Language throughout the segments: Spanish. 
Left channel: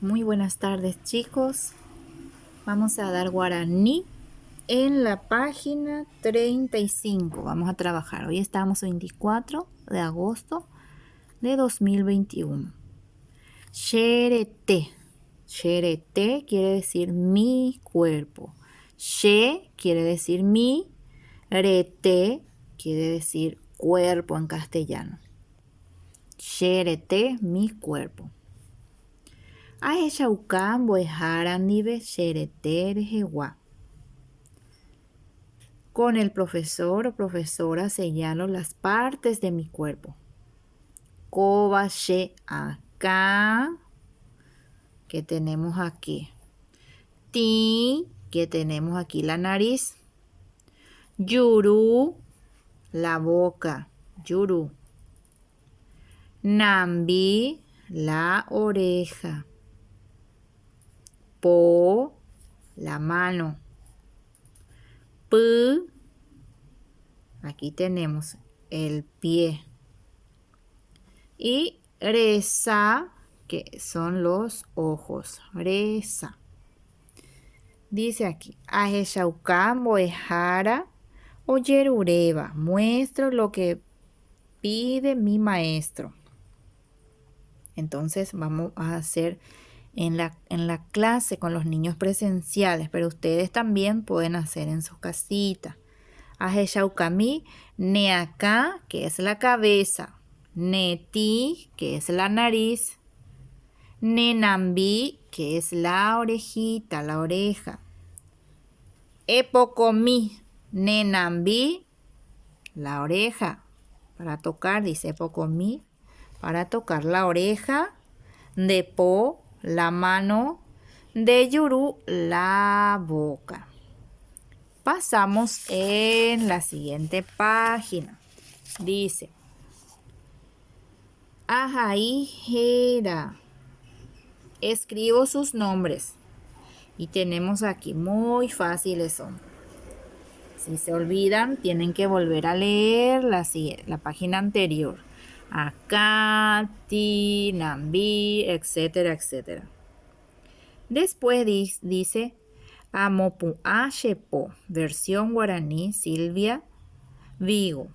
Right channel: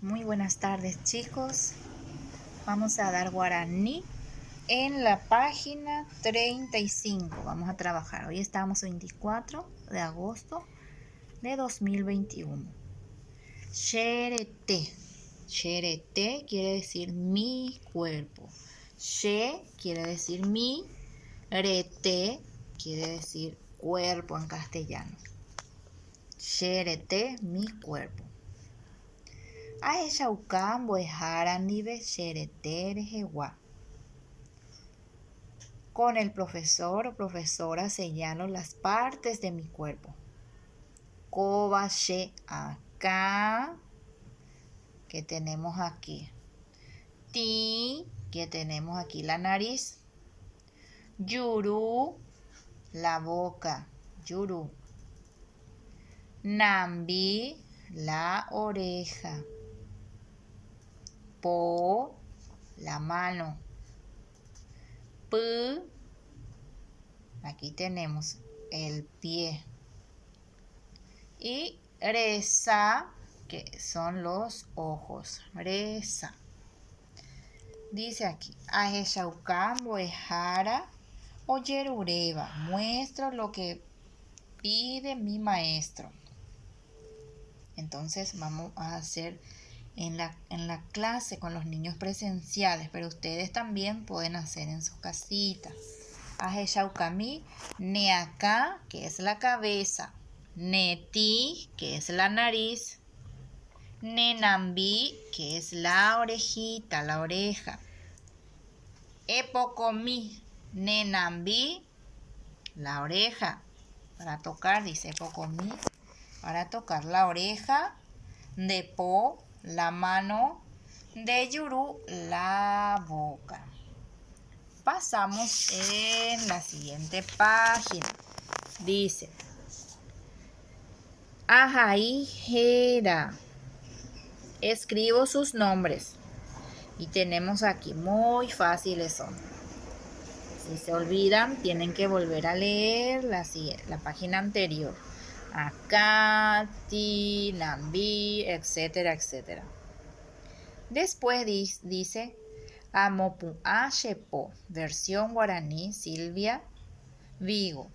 Muy buenas tardes, chicos. Vamos a dar guaraní en la página 35. Vamos a trabajar. Hoy estamos 24 de agosto de 2021. Xerete. Xerete quiere decir mi cuerpo. Xe quiere decir mi. Rete quiere decir cuerpo en castellano. Xerete, mi cuerpo. Ahechauka mbo'ehara ndive cherete rehegua. Con el profesor o profesora señalo las partes de mi cuerpo. Koba she acá, que tenemos aquí. Ti, que tenemos aquí la nariz. Yuru, la boca. Yuru. Nambi, la oreja. Po, la mano. Pu, aquí tenemos el pie. Y reza, que son los ojos. Reza. Dice aquí, Aheshauka mbo'ehara ojerureva. Muestro lo que pide mi maestro. Entonces vamos a hacer en la clase con los niños presenciales, pero ustedes también pueden hacer en sus casitas. Aheshaukami, neacá, que es la cabeza. Neti, que es la nariz. Nenambi, que es la orejita, la oreja. Epocomi, nenambi, la oreja. Para tocar, dice epocomi, para tocar la oreja. De po, la mano. De yuru, la boca. Pasamos en la siguiente página. Dice, Ajaijera. Escribo sus nombres. Y tenemos aquí, muy fáciles son. Si se olvidan, tienen que volver a leer la página anterior. Acá, ti, nambi, etcétera, etcétera. Después dice Amopu Ashepo, versión guaraní, Silvia Vigo.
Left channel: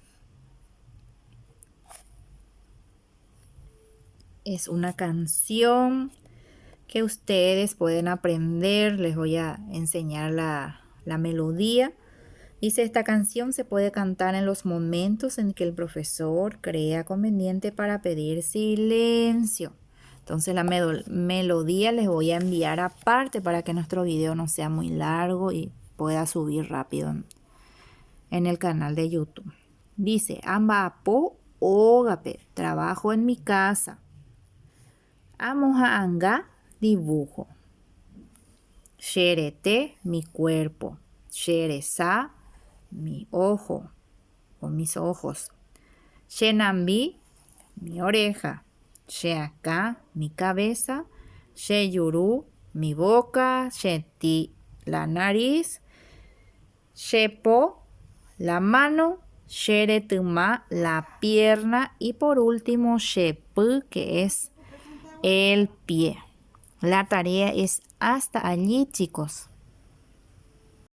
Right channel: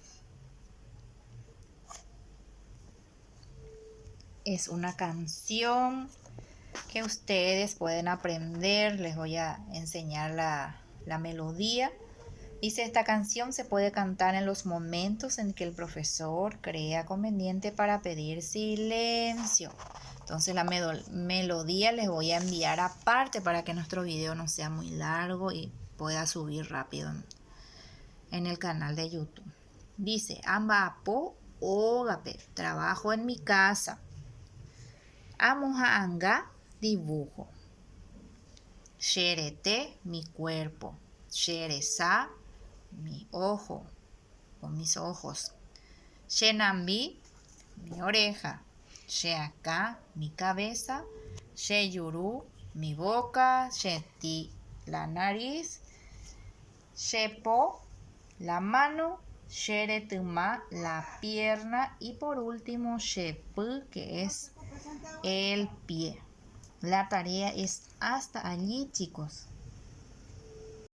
Es una canción que ustedes pueden aprender. Les voy a enseñar la melodía. Dice, esta canción se puede cantar en los momentos en que el profesor crea conveniente para pedir silencio. Entonces la melodía les voy a enviar aparte para que nuestro video no sea muy largo y pueda subir rápido en el canal de YouTube. Dice, Ambapo Ogape, trabajo en mi casa. Amoja anga, dibujo. Xerete, mi cuerpo. Xereza, mi ojo o mis ojos. Xenambi, mi oreja. Xeacá, mi cabeza. Xeyuru, mi boca. Xeti, la nariz. Xepo, la mano. Xeretuma, la pierna. Y por último, Xepu, que es el pie. La tarea es hasta allí, chicos.